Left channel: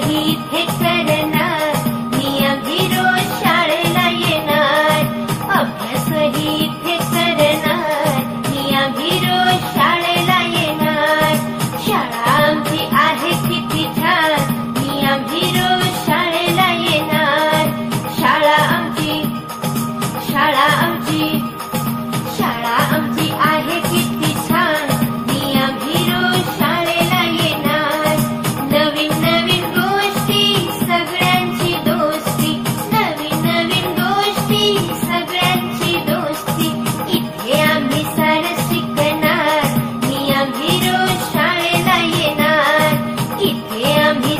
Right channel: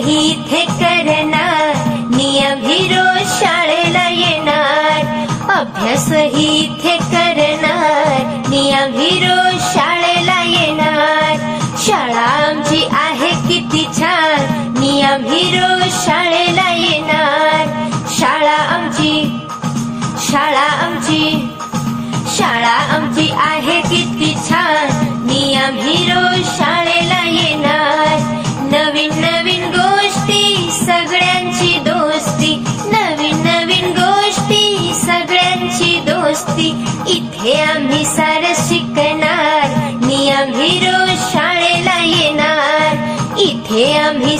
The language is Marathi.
इथे करणार, नियमी रोज शाळेला येणार. अभ्यास इथे करणार, नियमी रोज शाळेला येणार. शाळा आमची आहे किती छान, नियमी रोज शाळेला येणार. शाळा आमची आहे किती छान, नियमी रोज शाळेला येणार. नवीन नवीन गोष्टी सगळ्यांची दोस्ती, नवीन नवीन गोष्टी सगळ्यांची दोस्ती. इथे आम्ही सारं शिकणार, नियमी रोज शाळेला येणार. इथे आम्ही